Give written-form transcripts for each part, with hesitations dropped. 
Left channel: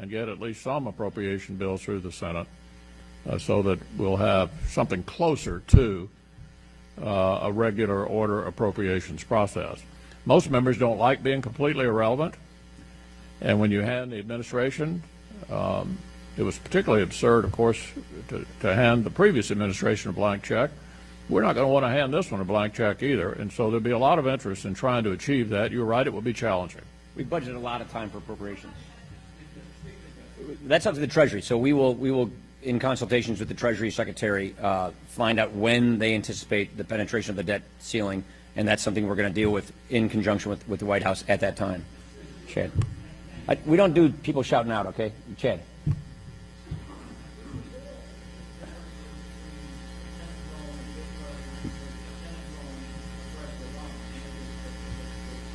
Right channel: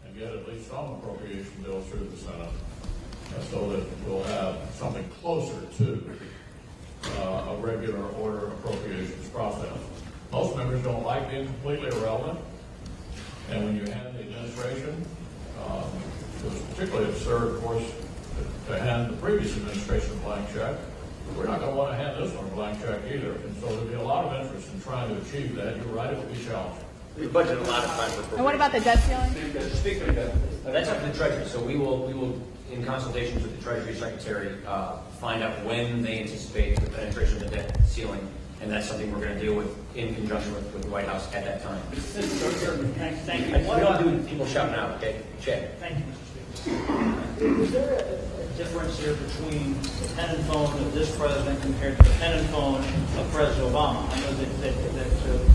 and get at least some appropriation bills through the Senate so that we'll have something closer to a regular order appropriations process. Most members don't like being completely irrelevant, and when you hand the administration, it was particularly absurd, of course, to hand the previous administration a blank check. We're not going to want to hand this one a blank check either, and so there'll be a lot of interest in trying to achieve that. You're right, it will be challenging. We budgeted a lot of time. And what about the debt ceiling? That's up to the Treasury. So we will, in consultations with the Treasury Secretary, find out when they anticipate the penetration of the debt ceiling, and that's something we're going to deal with in conjunction with the White House at that time. Okay. We don't do people shouting out, okay? Chad. Thank you, Mr. Speaker. Is there a difference here between the pen and phone of this president compared to the pen and phone of President Obama? I know that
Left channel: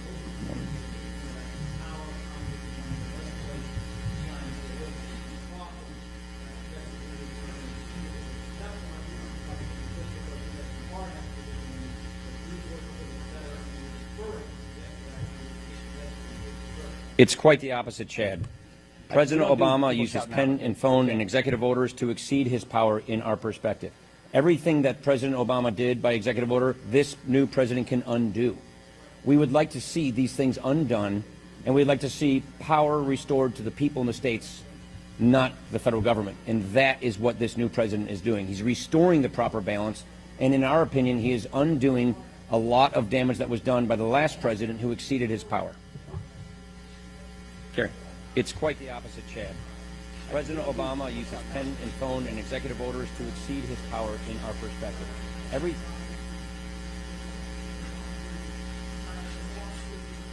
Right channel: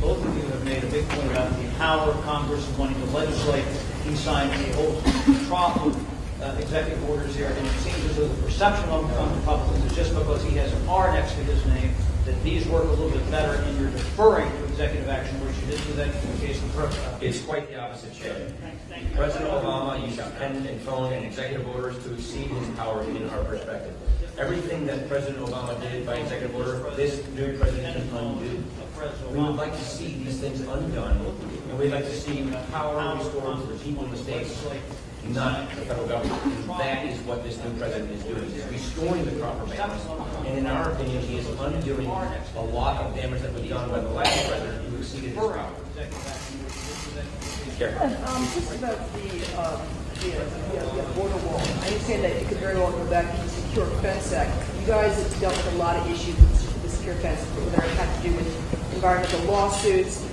both of you have made a big point about the power of Congress and wanting to legislate. He signed a whole trough of executive orders here, and it seems as though the perception on Republicans is just because he has an R next to his name that these work a little bit better, and you're deferring to executive action, which you didn't do that in the case of the president. It's quite the opposite, Chad. President Obama uses pen and phone and executive orders to exceed his power in our perspective. Everything that President Obama did by executive order, this new president can undo. We would like to see these things undone, and we'd like to see power restored to the people in the states, not the federal government. And that is what this new president is doing. He's restoring the proper balance, and in our opinion, he is undoing a lot of damage that was done by the last president who exceeded his power. Sure. It's quite. President Obama, I understand that it could very well go back to the Secure Fence Act. You guys have dealt with a lot of issues with the Secure Fence, whether it had to do with environmental lawsuits,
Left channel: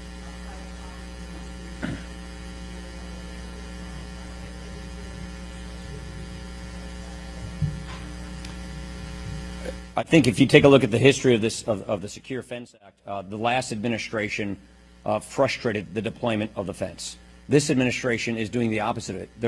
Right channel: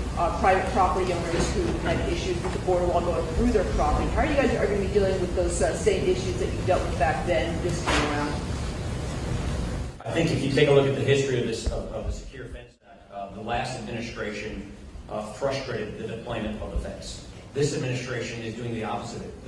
private property owners who had issues with the border wall going through their property. How are you guys going to be dealing with those same issues that you dealt with back then this time around? I think if you take a look at the history of this of the Secure Fence Act, the last administration frustrated the deployment of the fence. This administration is doing the opposite of it.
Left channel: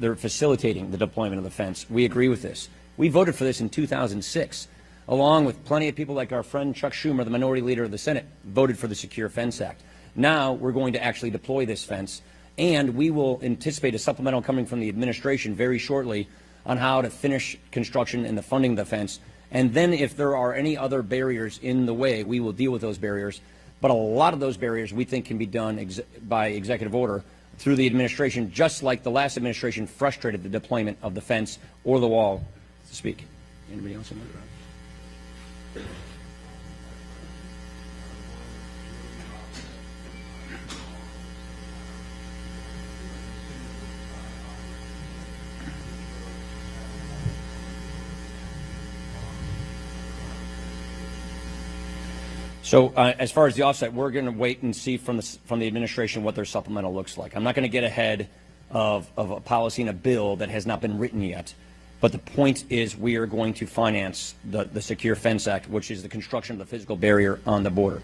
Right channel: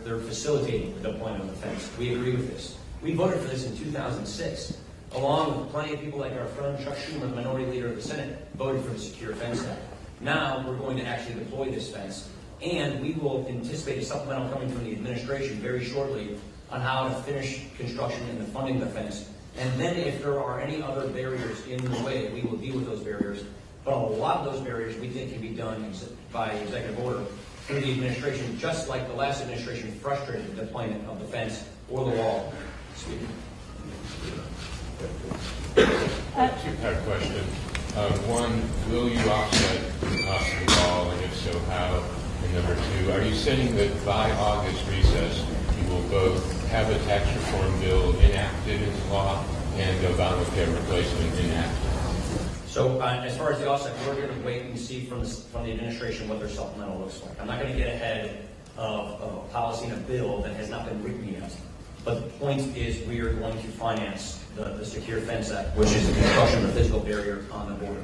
They're facilitating the deployment of the fence. We agree with this. We voted for this in 2006, along with plenty of people like our friend Chuck Schumer, the minority leader of the Senate, voted for the Secure Fence Act. Now we're going to actually deploy this fence, and we will anticipate a supplemental coming from the administration very shortly on how to finish construction and the funding of the fence. And then if there are any other barriers in the way, we will deal with those barriers. But a lot of those barriers we think can be done by executive order through the administration, just like the last administration frustrated the deployment of the fence or the wall. Speaking. Two-part question. One, will you offset the cost of the wall, and if so, how? And number two, are you saying that by August recess, you will both have a tax reform bill enacted into law and Obamacare replacement enacted? So as far as the offset, we're going to wait and see from the administration what their supplemental looks like. I'm not going to get ahead of a policy and a bill that has not been written yet. But the point is we are going to finance the Secure Fence Act, which is the construction of the physical barrier on the border.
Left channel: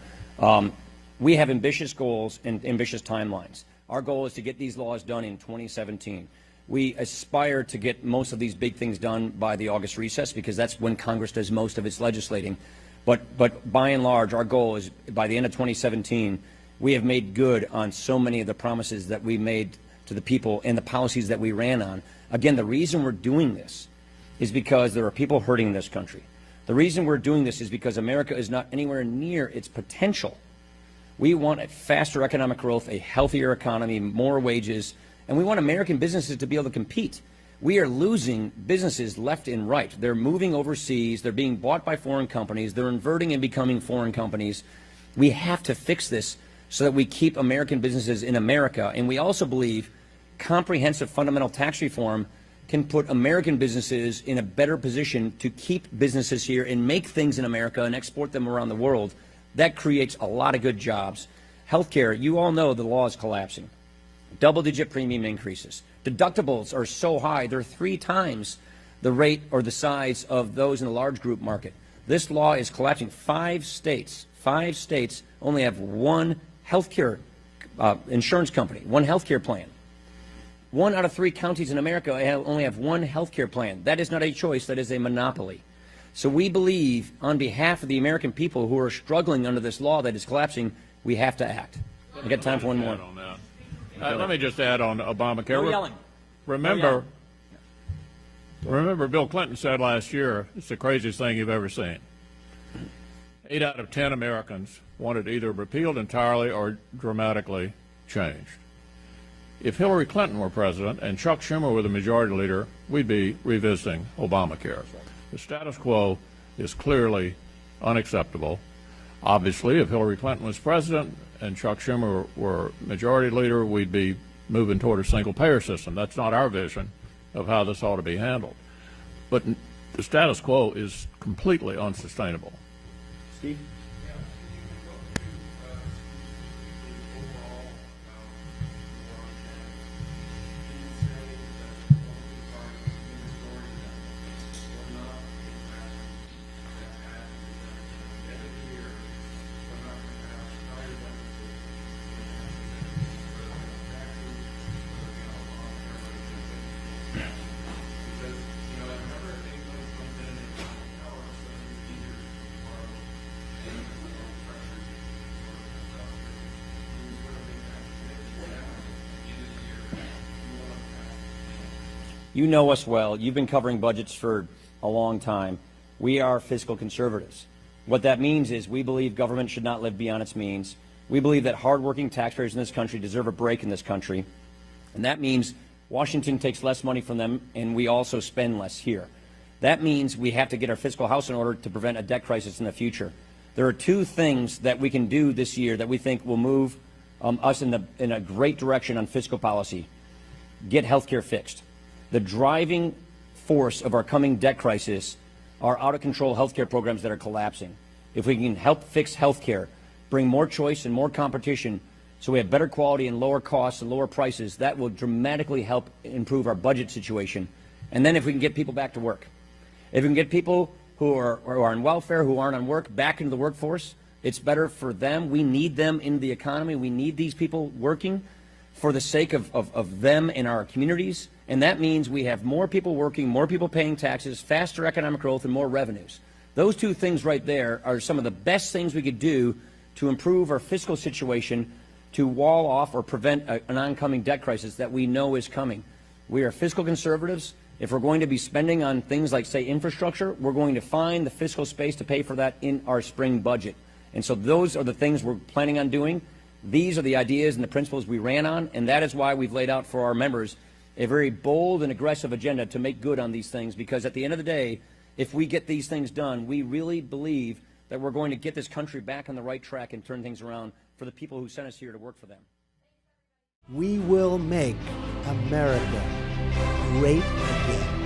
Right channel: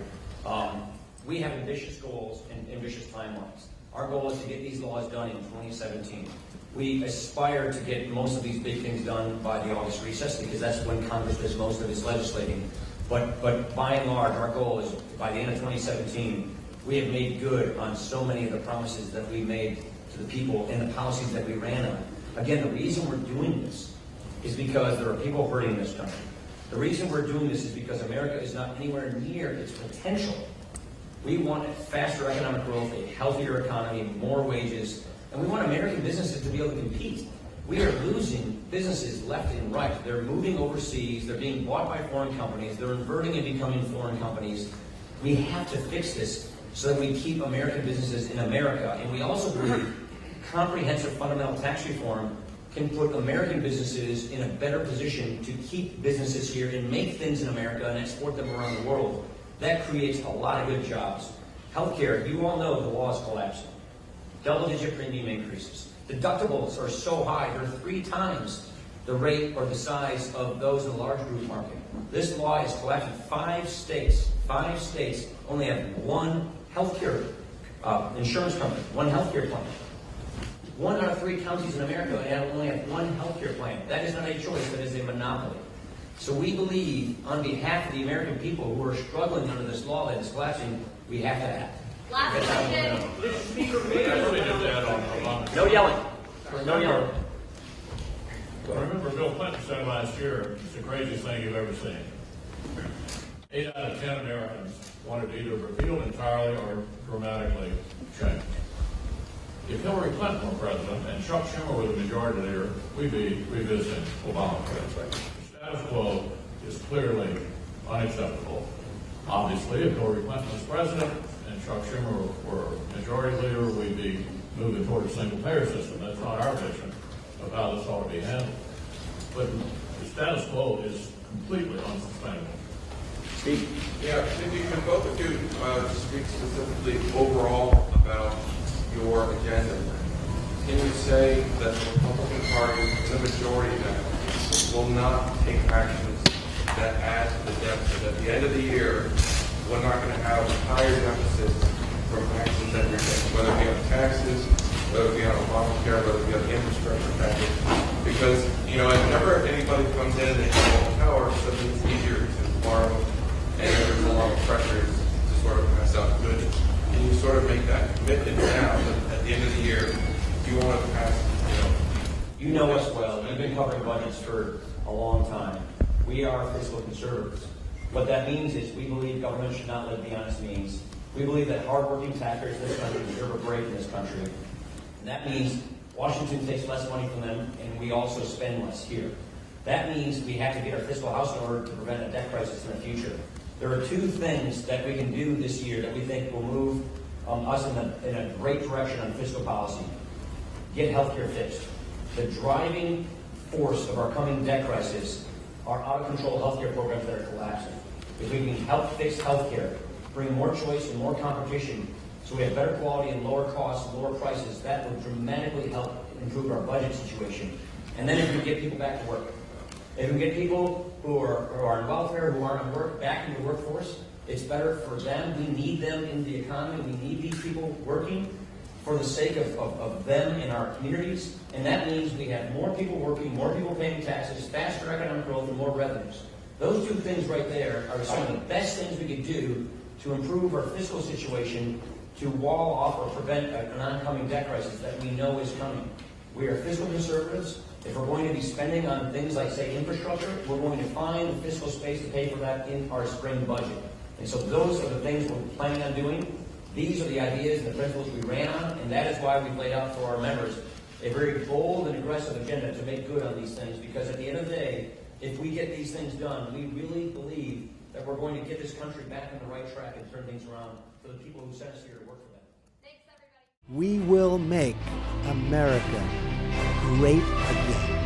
We have ambitious goals and ambitious timelines. Our goal is to get these laws done in 2017. We aspire to get most of these big things done by the August recess because that's when Congress does most of its legislating. But by and large, our goal is by the end of 2017, we have made good on so many of the promises that we made to the people and the policies that we ran on. Again, the reason we're doing this is because there are people hurting in this country. The reason we're doing this is because America is not anywhere near its potential. We want faster economic growth, a healthier economy, more wages, and we want American businesses to be able to compete. We are losing businesses left and right. They're moving overseas. They're being bought by foreign companies. They're inverting and becoming foreign companies. We have to fix this so that we keep American businesses in America. And we also believe comprehensive fundamental tax reform can put American businesses in a better position to keep businesses here and make things in America and export them around the world. That creates a lot of good jobs. Healthcare, you all know the law is collapsing. Double-digit premium increases. Deductibles are so high, they're 3 times the rate or the size of those in the large group market. This law is collapsing. 5 states only have one healthcare insurance company, one healthcare plan. 1 out of 3 counties in America only have one healthcare plan. That is not a choice, that is a monopoly. So we believe, on behalf of the American people who are struggling under this law that is collapsing, we have to act. We've got time for one more. Let me just add add on Obamacare. No yelling. Remember, Bill Clinton said last year, it's the craziest thing you've ever seen. 8 out of 10 Americans wanted either repealed entirely or dramatically changed. If Hillary Clinton were president and Chuck Schumer were the majority leader, we'd be revisiting Obamacare. The status quo is clearly unacceptable. Obviously, if Hillary Clinton was president and Chuck Schumer were majority leader, we'd be moving toward a single-payer system. That's not our vision of how this ought to be handled. But the status quo is completely unsustainable. Yeah, Cindy, can both of you speak specifically overall about your agenda? Can you say that the Republican Party, the majority now, will not take actions that add to the deficit? At the end of the year, we're not going to have higher deficits from actions that we're taking, whether it be on taxes, whether it be on Obamacare, whether it be on the infrastructure package. Because, whenever anybody comes in and they have all the power, suddenly it's easier to borrow, and there's a lot of pressure to sort of pass out goods. Can you sort of make that commitment now that at the end of the year, you want to pass, You know us well. You've been covering budgets for a long time. We are fiscal conservatives. What that means is we believe government should not live beyond its means. We believe that hardworking taxpayers in this country deserve a break in this country. And that means Washington takes less money from them, and we also spend less here. That means we have to get our fiscal house in order to prevent a debt crisis in the future. There are 2 things that we can do this year that we think will move us in a great direction on fiscal policy. Get healthcare fixed. The driving force of our coming debt crisis are out-of-control healthcare programs that are collapsing. If we can help fix healthcare, bring more choice and more competition so we have better quality and lower costs and lower prices, that will dramatically help improve our budget situation. And then if we can get people back to work. If we can get people who are on welfare, who aren't on work, back into the workforce, it's better for them. We need them in the economy. We need these people working for the sake of them in our communities. And that means we have more people working, more people paying taxes, faster economic growth, and more revenues. Those 2 things right there are some of the best things we could do to improve our fiscal situation, to wall off or prevent an oncoming debt crisis that we know is coming. We are fiscal conservatives. If we're going to be spending on things like, say, infrastructure, we're going to find the fiscal space to pay for that in our spring budget. And so those are the things we're planning on doing. These are the ideas and the principles we ran on, and that is why we've laid out for our members a very bold and aggressive agenda to make good on these things, because at the end of the day, if we get these things done, we really believe that we're going to get this country back on the right track and turn things around for the people who sent us here to work for them. We will make America great again.